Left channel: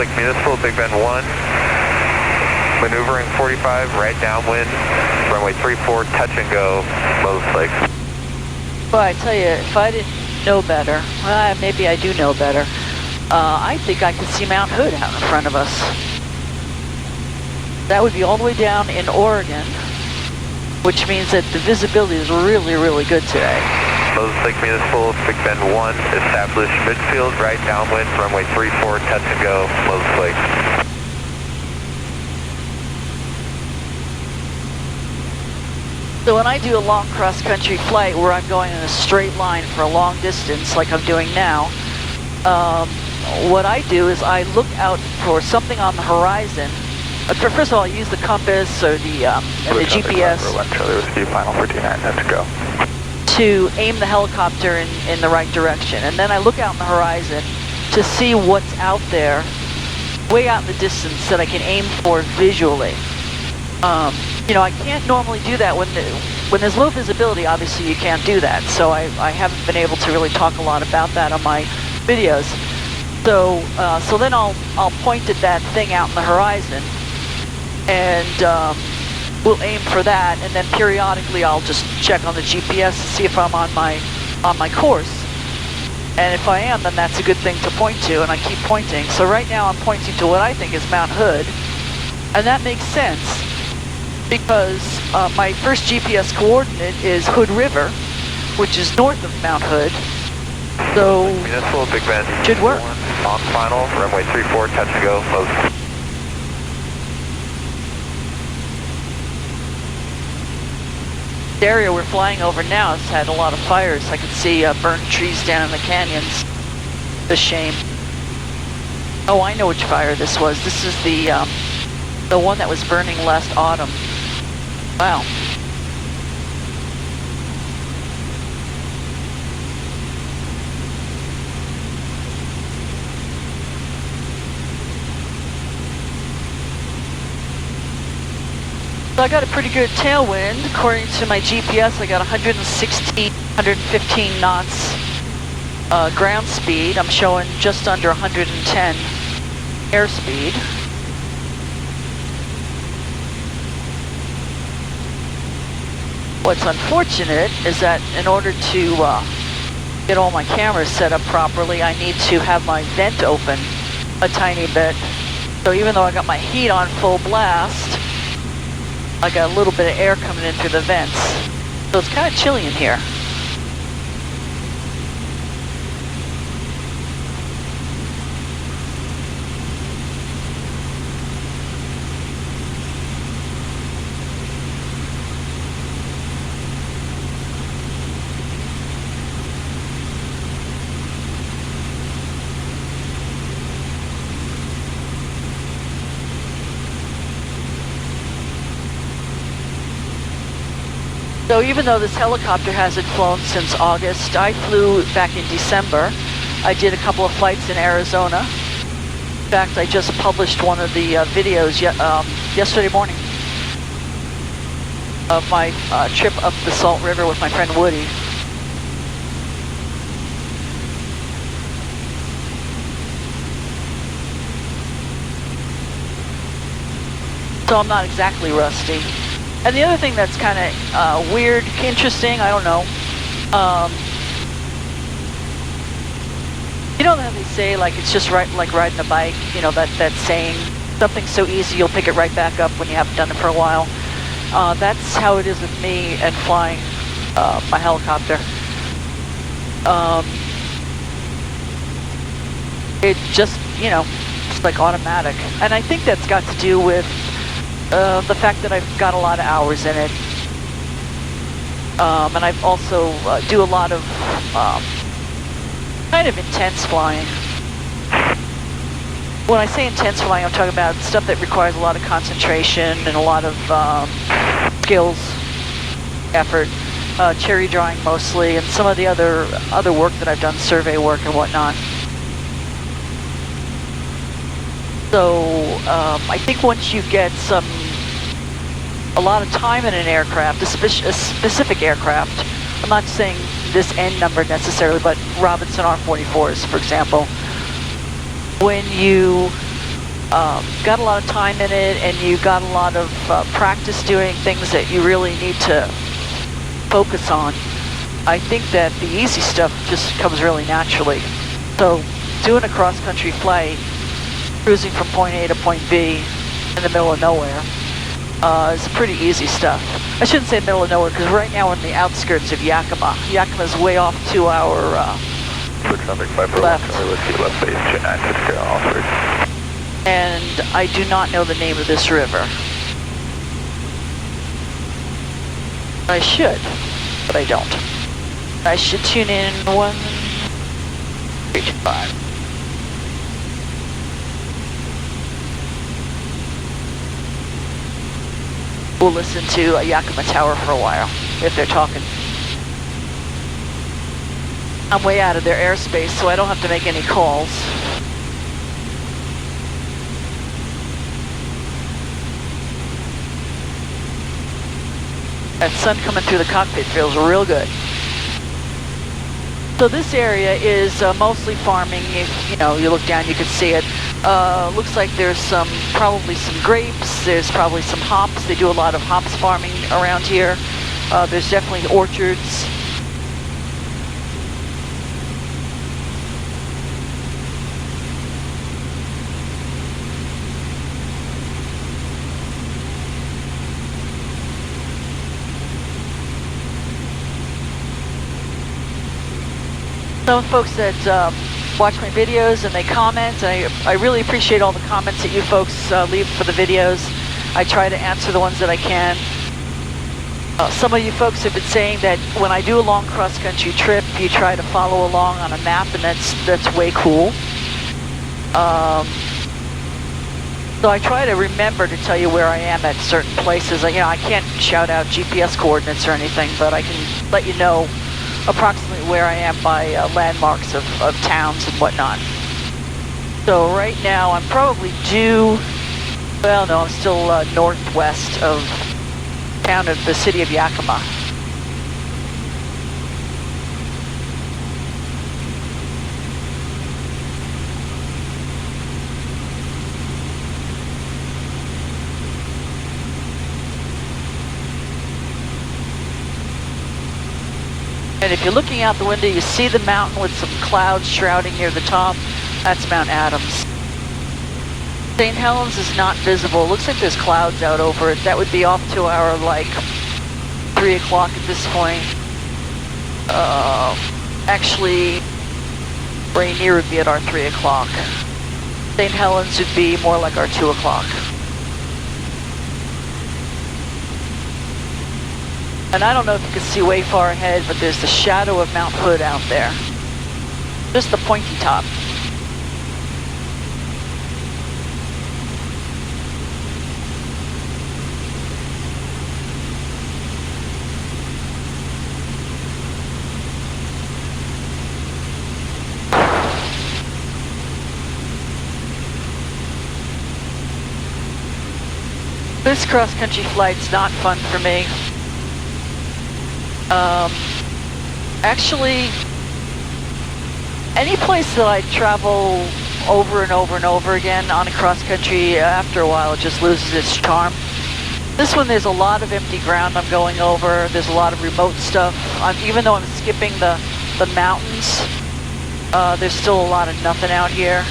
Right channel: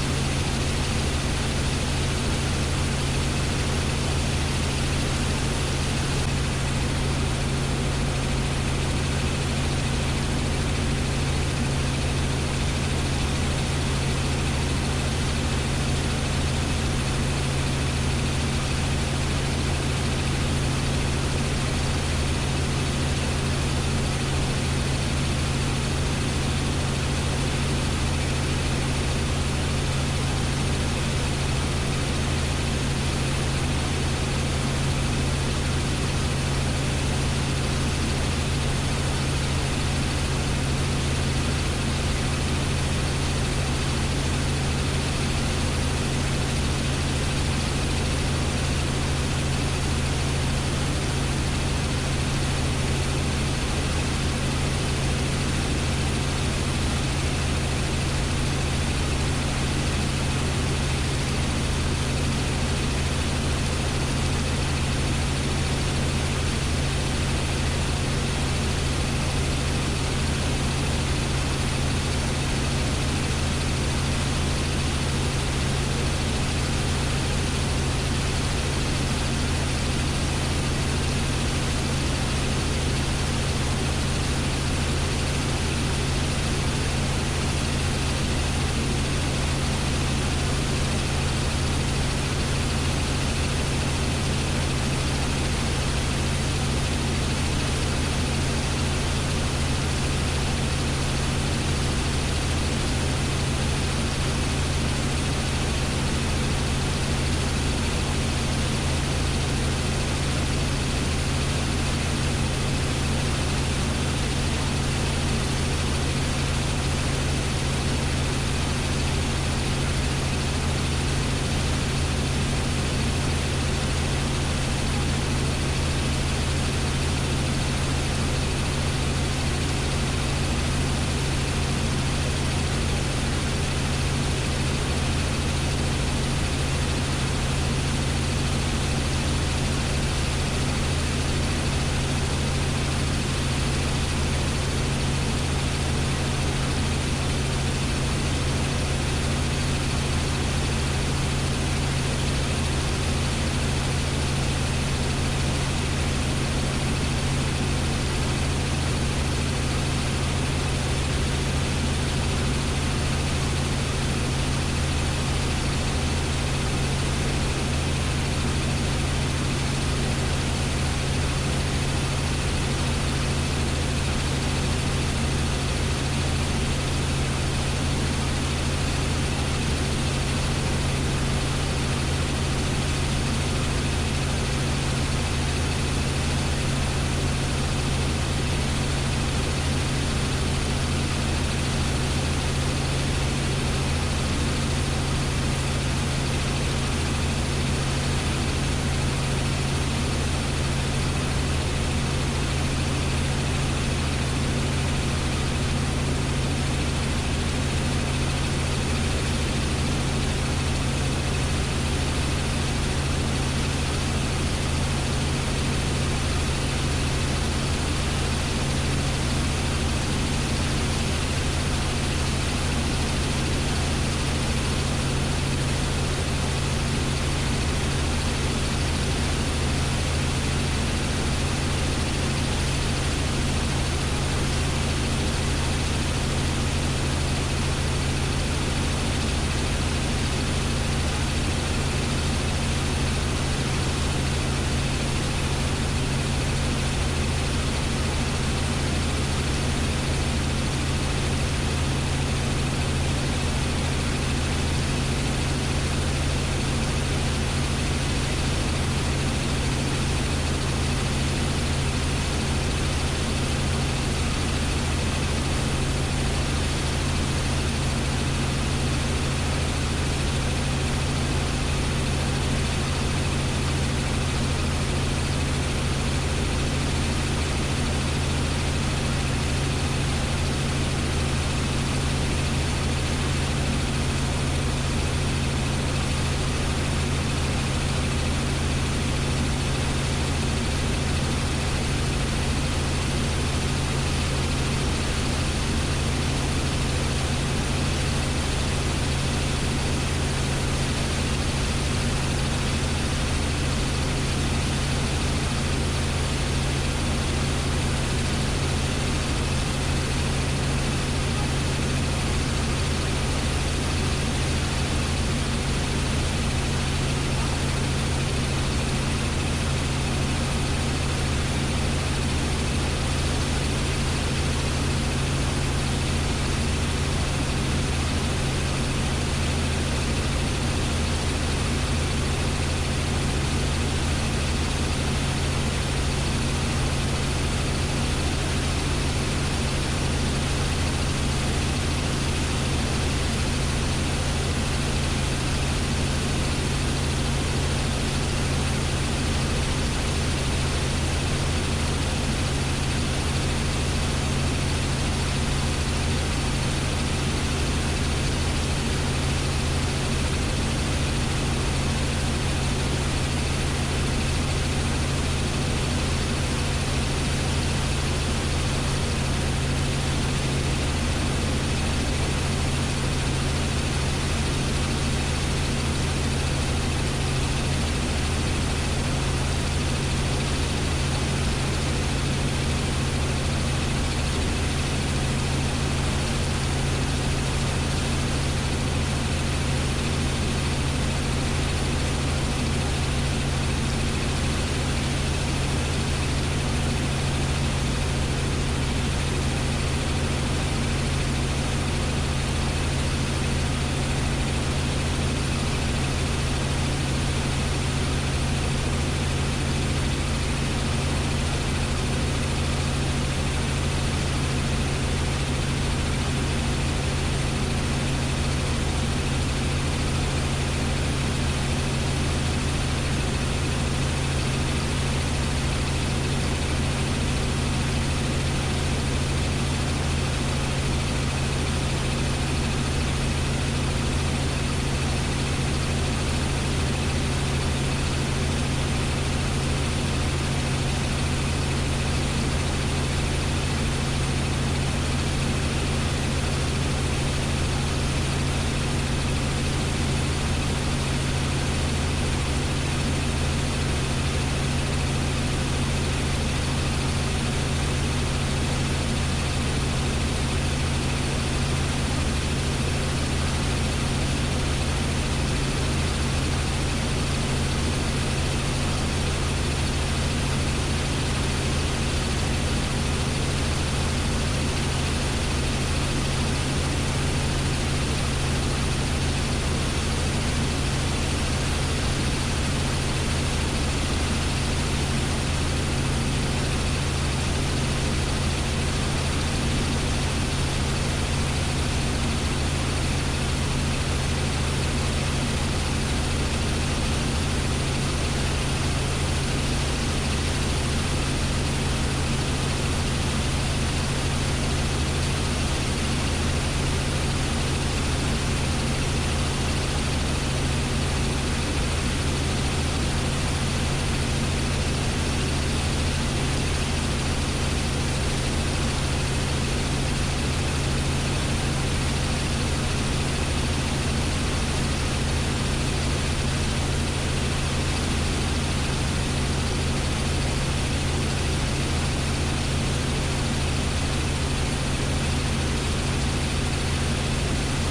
Lake Municipal, Big Bend 1. Maneuvering 45, right downwind, runway 34, touch and go, Lowe's Lake. Well, I tell you, if I didn't know better, well, maybe I do know better, I think I can see Mount Hood out in front of us. That would be all the way down in Oregon, which means that the visibility is really, really good today. Lowe's Lake Municipal, Big Bend 1, established midfield, right downwind, runway 34, touch and go, Lowe's Lake. So when I do a long cross-country flight where I'm going in a straight line for a long distance, like I'm doing now, what I do is I look out for something on the horizon. First of all, I use the compass or the GPS final 49, let's go. To aim the helicopter in the right direction. And then I look out on the horizon to see what's out there, way out in the distance that I can aim for visually. You know, I can't normally do that when there's low visibility. Obviously, you can't do that. So I haven't been able to really talk a lot about that on my videos. So then I'll point at that thing out in the horizon, and we'll aim for that. And then periodically, I'll just check on the GPS to see if I'm on my course. And if I am, then that's a good thing to point to, and I keep pointing. So right now, I'm pointing to what I think is Mount Hood, and that makes sense, because my first GPS coordinate is Hood River, which is north of Mount Hood. So Municipal, Big Bend. Should work. On final, runway 34, touch and go, Lowe's. The area we're flying over now has had a lot of fires. I can see burned trees down in the canyons. It's a shame. Oh, I know which fire this was. This is the one that was burning last autumn. Wow. So I got a pretty good tailwind. According to my GPS, I got 115 knots ground speed. I'm showing just under 110 airspeed. What's unfortunate is that in order to get all my cameras set up properly, I need to have my vent open a tiny bit. So even though I got my heat on full blast, I got a little bit of air coming in through the vents. So it's kind of chilly in here. So even though this helicopter hasn't flown since August, I flew back in December. I did a couple of flights in Arizona. In fact, I just published one of the videos yesterday morning of my trip up the Salt River with my friend Woody. So I'm not exactly rusty. And the other thing that's kind of weird, interesting, I don't know. You know that they say, like, it's just like riding a bike, you know, that saying, something's so easy you'll pick it right back up when you haven't done it for a while. That's how it is with me and flying my helicopter. It just, you know, it's like automatic. And I think that's got to do with the fact that I've got a lot of hours in it. And I've also do a lot of kind of intense flying. When I say intense flying, I'm talking about stuff that requires a lot of concentration and a lot of skills, effort, cherry drawing mostly, and some of the other work that I've done, survey work and whatnot. So I think once you get a lot of time in an aircraft, a specific aircraft, I'm not saying this N number necessarily, but Robinson R44s, for example, when you got a lot of time in it, and you got a lot of practice doing things that you really need to focus on. I think that the easy stuff just comes really naturally. So doing a cross-country flight, cruising from point A to point B in the middle of nowhere, is pretty easy stuff. I shouldn't say middle of nowhere, because right now we're in the outskirts of Yakima. Yakima's way off to our left. And I do not know the name of this river. I should, but I don't. I should tune in 135. We'll listen to Yakima Tower for a while, if they're talking. I'm way out of their airspace, so I don't have to make any calls. That sun coming through the cockpit feels real good. So this area is mostly farming. You know, you look down, you can see it. Looks like there's probably some grapes. There's probably some hops. They do a lot of hops farming around here. There's definitely orchards. Some folks that watch my videos and they comment. I really appreciate all the comments that you folks leave for the videos. I try to answer the ones that I can. Some of you folks have been saying that when I do a long cross-country trip, you try to follow along on a map, and that's way cool. So I try to remember to tell you where I am at certain places. You know, I can't shout out GPS coordinates or anything, but I can let you know approximately where I am by landmarks of towns and whatnot. So right now I'm probably due, well no, I'm still northwest of town of the city of Yakima. And if you're looking out the window, you see the mountain with some clouds shrouding near the top. That's Mount Adams. St. Helens is not visible. Looks like there's clouds out over it. That would be off to our, like, 3 o'clock at this point. Actually, Rainier would be at our 3 o'clock. St. Helens would be more like our 2 o'clock. And I don't know if you can see way far ahead, but there's the shadow of Mount Hood out there. Just the pointy top. This cross-country flight's not fun for me. Actually, any place that I travel over and over and over again on a cross-country, after a while it just loses its charm. This one, there's a lot of empty ground I'm going over. There's a lot of remote stuff. Even though I'm skipping the mountains, there's still a lot of nothing out here.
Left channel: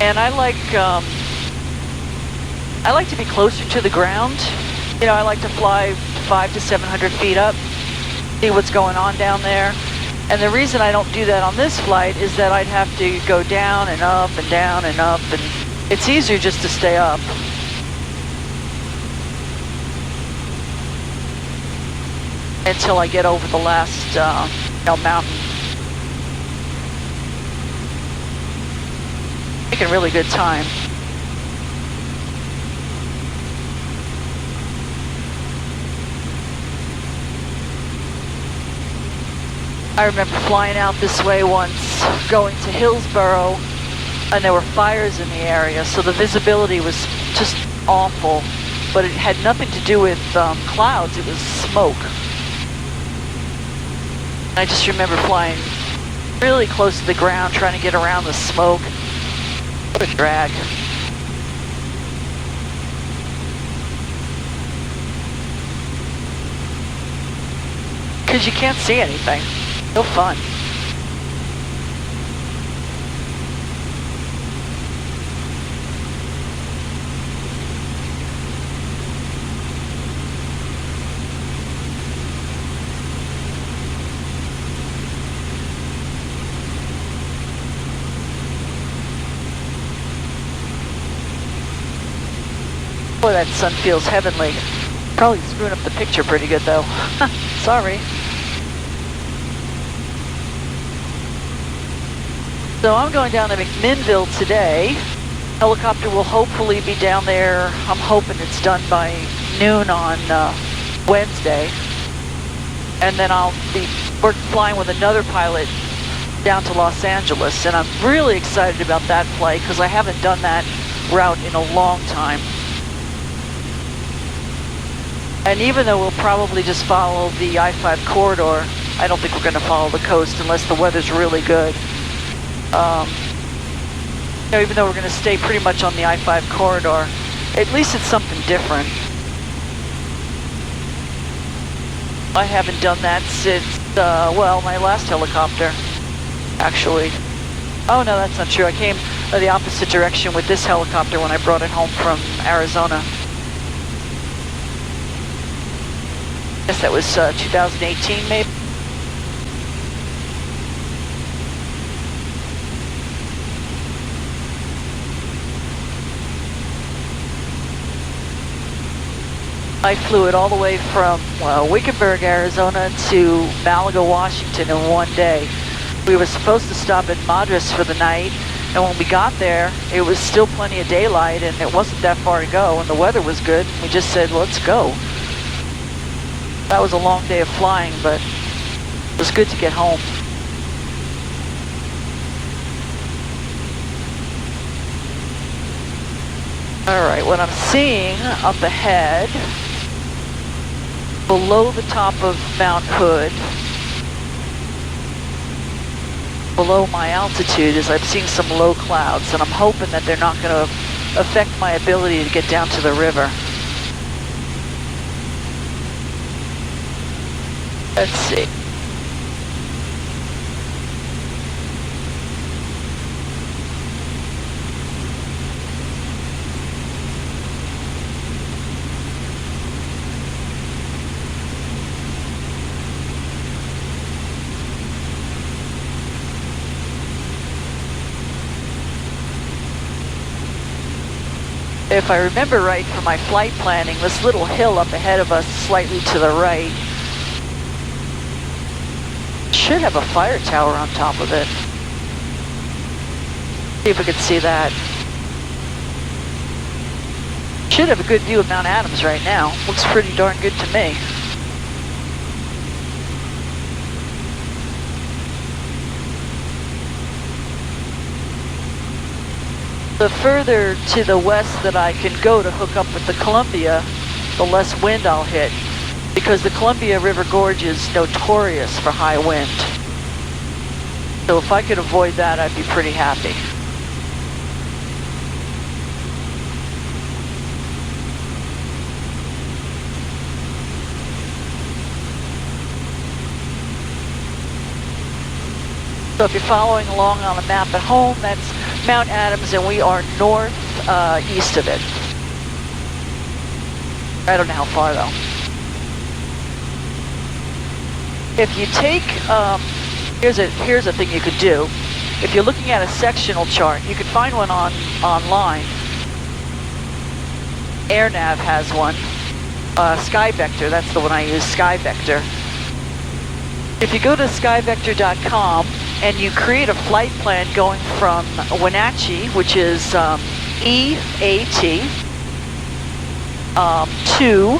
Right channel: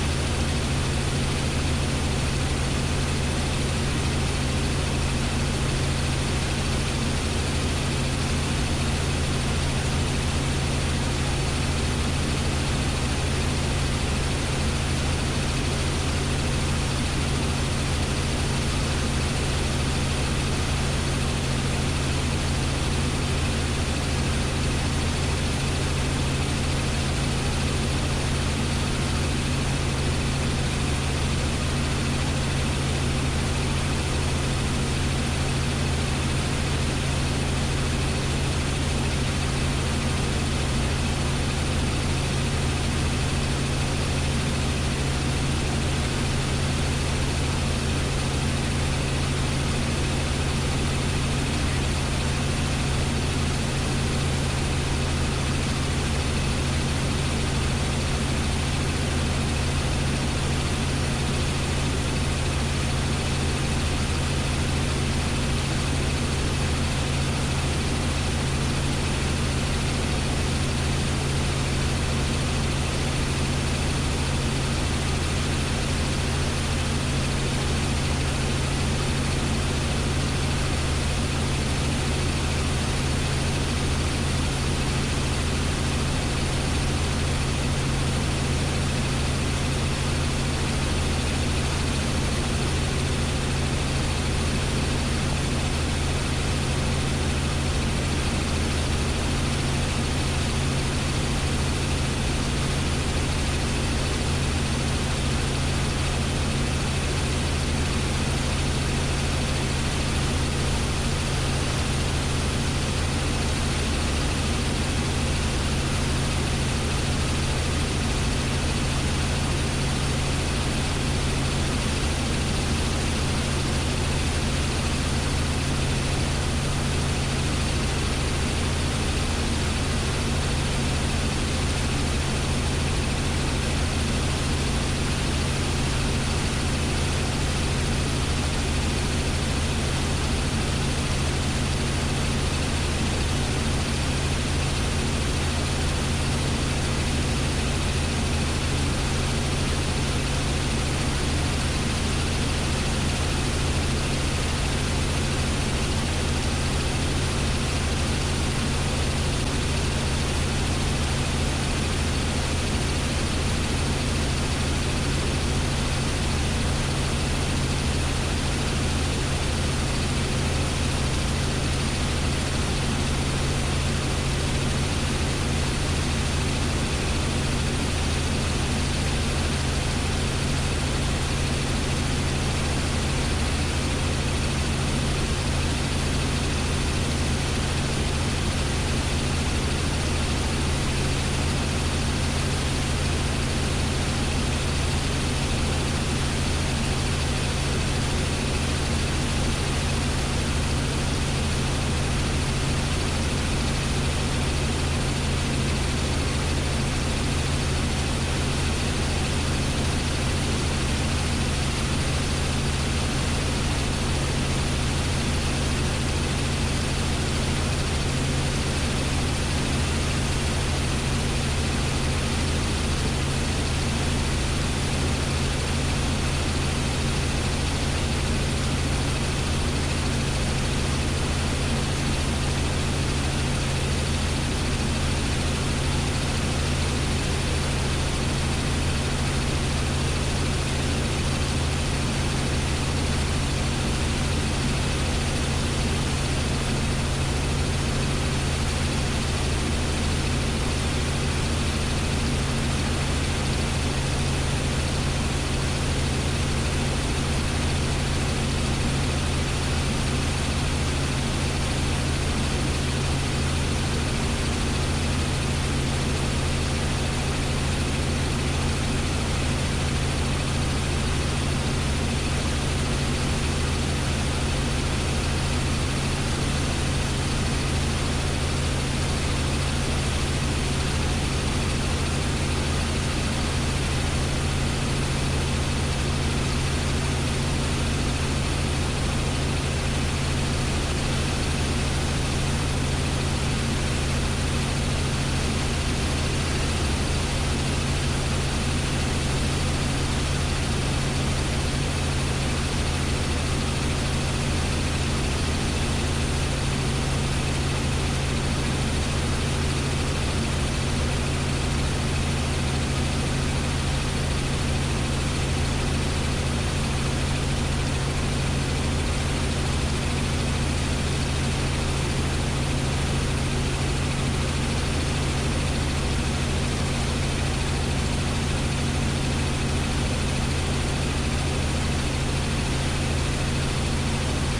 And I like to be closer to the ground. You know, I like to fly 500 to 700 feet up, see what's going on down there. And the reason I don't do that on this flight is that I'd have to go down and up and down and up, and it's easier just to stay up. Until I get over the last, mountain. Making really good time. I remember flying out this way once, going to Hillsboro, and there were fires in the area, so the visibility was just awful. But it had nothing to do with clouds, it was smoke. I just remember flying really close to the ground, trying to get around the smoke. What a drag. Because you can't see anything. No fun. Boy, that sun feels heavenly. Probably screwing up the picture pretty good though. Sorry. So I'm going down to McMinnville today. Helicopter will hopefully be down there. I'm hoping it's done by noon on Wednesday. And then I'll be flying with another pilot down to Los Angeles. And I'm really excited about that flight because I haven't done that route in a long time. And even though we'll probably just follow the I-5 corridor, I don't think we're going to follow the coast unless the weather's really good. You know, even though we're going to stay pretty much on the I-5 corridor, at least it's something different. I haven't done that since, well, my last helicopter, actually. Oh, no, that's not true. I came the opposite direction with this helicopter when I brought it home from Arizona. I guess that was 2018, maybe. I flew it all the way from Wickenburg, Arizona to Malaga, Washington in one day. We were supposed to stop at Madras for the night, and when we got there, it was still plenty of daylight, and it wasn't that far to go, and the weather was good. We just said, let's go. That was a long day of flying, but it was good to get home. All right, what I'm seeing up ahead, below the top of Mount Hood, below my altitude, is I'm seeing some low clouds, and I'm hoping that they're not going to affect my ability to get down to the river. Let's see. If I remember right from my flight planning, this little hill up ahead of us, slightly to the right, should have a fire tower on top of it. See if we can see that. Should have a good view of Mount Adams right now. Looks pretty darn good to me. The further to the west that I can go to hook up with the Columbia, the less wind I'll hit, because the Columbia River Gorge is notorious for high wind. So if I could avoid that, I'd be pretty happy. So if you're following along on the map at home, that's Mount Adams, and we are northeast of it. I don't know how far though. If you take, here's a thing you could do. If you're looking at a sectional chart, you can find one online. AirNav has one. SkyVector, that's the one I use, SkyVector. If you go to skyvector.com and you create a flight plan going from Wenatchee, which is EAT, to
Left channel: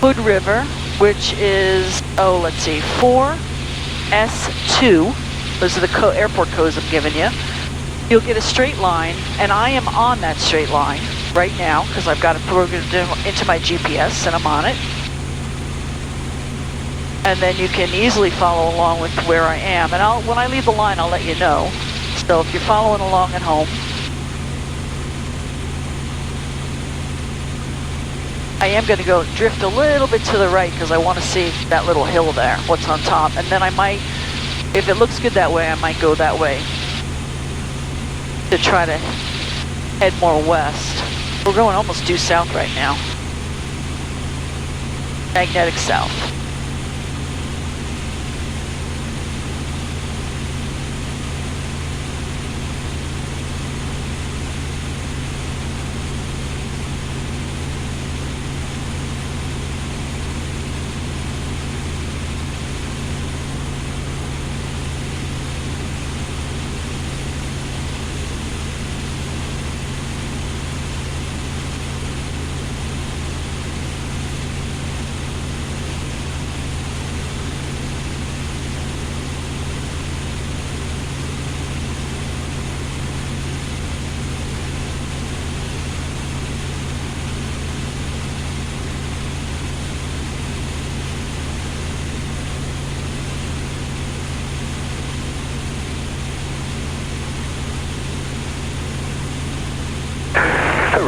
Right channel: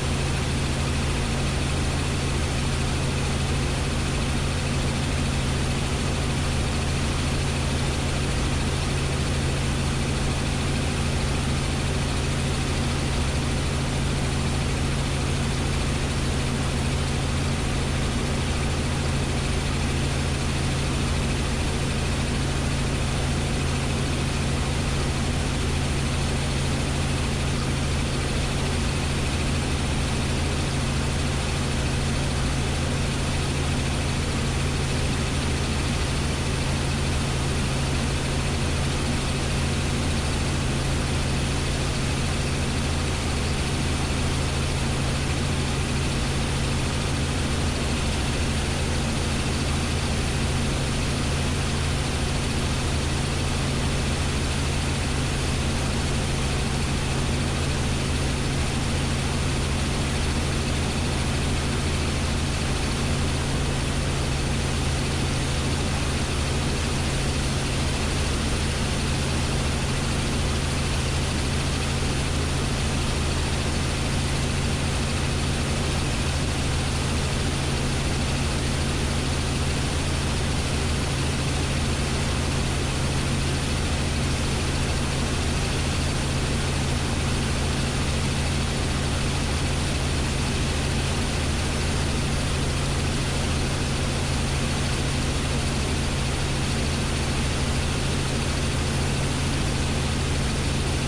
Hood River, which is, let's see, 4S2. Those are the airport codes I'm giving you. you'll get a straight line, and I am on that straight line right now because I've got it programmed into my GPS and I'm on it. And then you can easily follow along with where I am. And when I leave the line, I'll let you know. So if you're following along at home, I am going to go drift a little bit to the right because I want to see that little hill there, what's on top. And then I might, if it looks good that way, I might go that way to try to head more west. We're going almost due south right now. Magnetic south.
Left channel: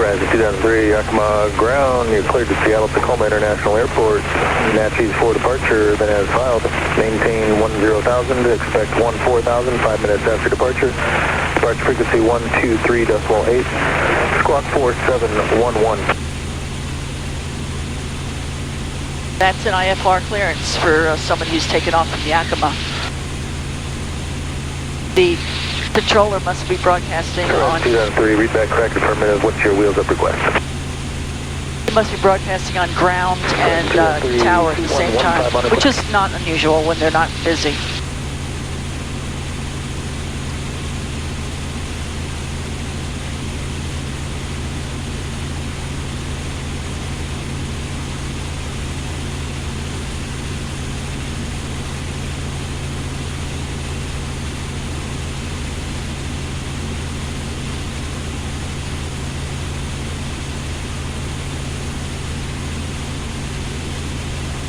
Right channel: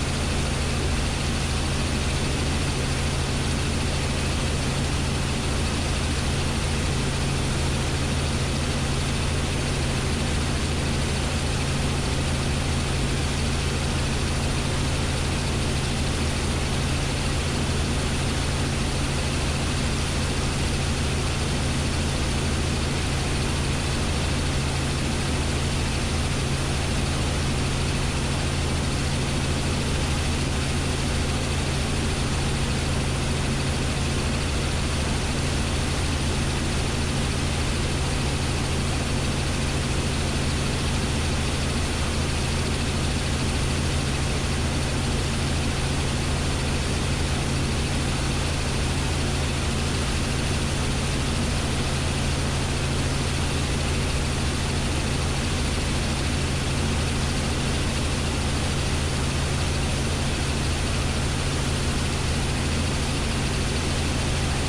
Rise 2003, Yakima ground, you're cleared to Seattle-Tacoma International Airport. NATC's for departure, been as filed. Maintain 10,000, expect 14,000, 5 minutes after departure. Departure frequency 123.8, squawk 4711. That's an IFR clearance for somebody who's taken off from Yakima. The controller must be broadcasting on... 2003, read back correct affirmative. What's your wheels up request? It must be broadcasting on ground and tower at the same time, which is not unusual when they're not busy.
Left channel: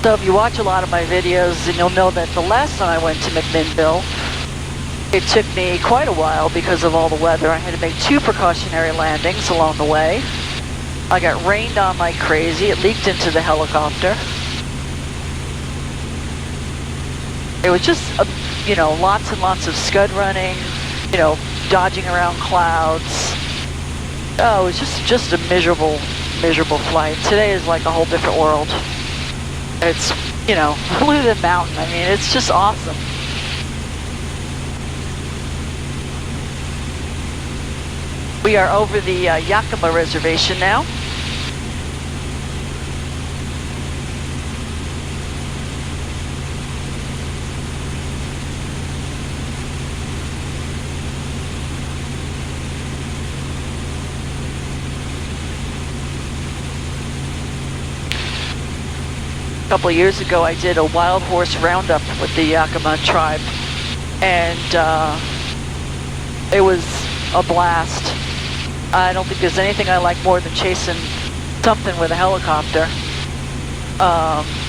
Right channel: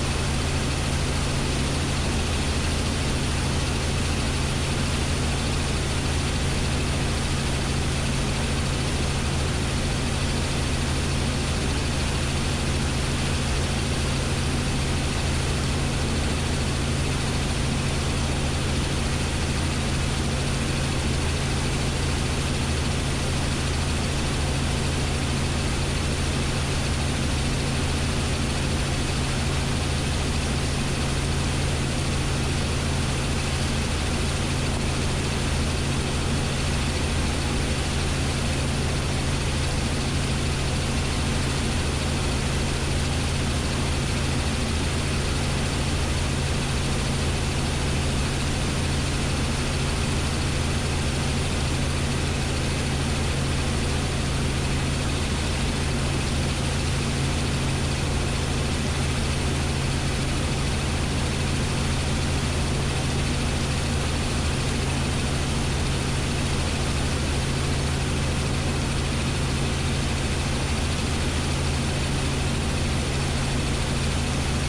So if you watch a lot of my videos, then you'll know that the last time I went to McMinnville, it took me quite a while because of all the weather. I had to make 2 precautionary landings along the way. I got rained on like crazy. It leaked into the helicopter. It was just, you know, lots and lots of scud running, you know, dodging around clouds. Oh, it was just a miserable, miserable flight. Today is like a whole different world. It's, you know, Blue Mountain. I mean, it's just awesome. We are over the Yakima Reservation now. A couple of years ago, I did a wild horse roundup with the Yakima tribe, and it was a blast. I don't think there's anything I like more than chasing something with a helicopter.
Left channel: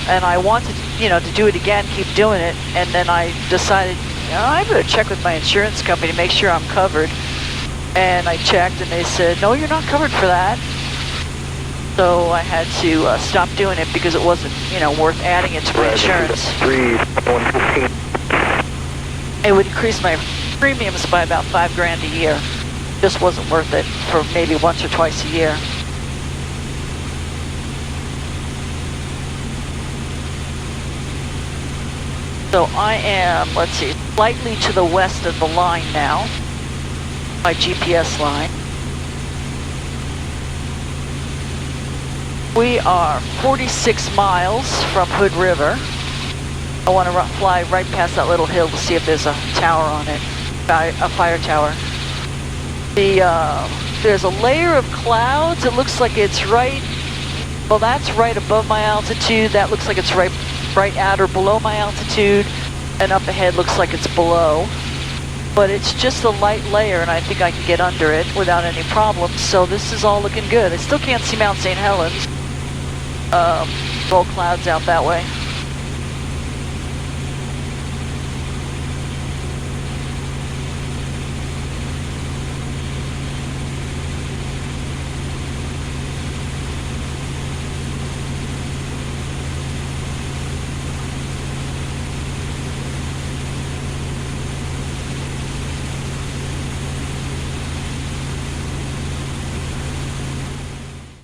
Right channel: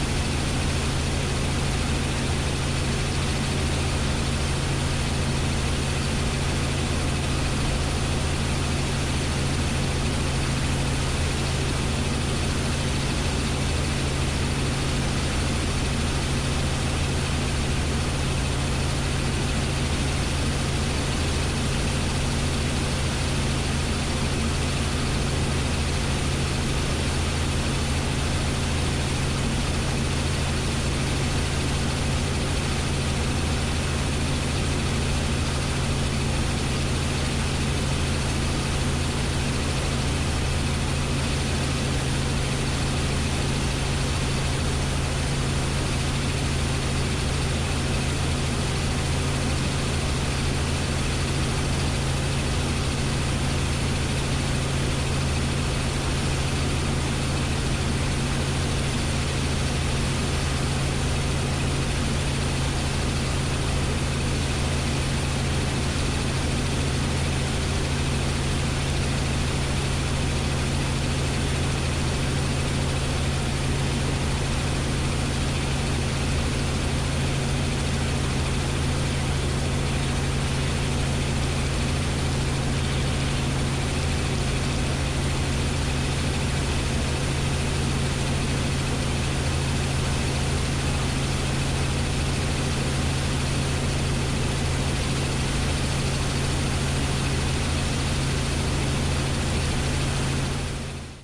And I wanted, you know, to do it again, keep doing it, and then I decided, you know, I'm going to check with my insurance company to make sure I'm covered. And I checked, and they said, no, you're not covered for that. So I had to stop doing it because it wasn't, you know, worth adding it to my insurance. 115. It would increase my premiums by about $5 grand a year. Just wasn't worth it for maybe once or twice a year. So I am, let's see, slightly to the west of the line now, my GPS line. We are 46 miles from Hood River. I want to fly right past that little hill to see if there's a tower on it, a fire tower. There's a layer of clouds. It looks like it's right, well, that's right above my altitude. That looks like it's right at or below my altitude. And up ahead looks like it's below. but it's just a light layer, and I think I can get under it without any problems. So this is all looking good. I still can't see Mount St. Helens. Roll clouds out that way.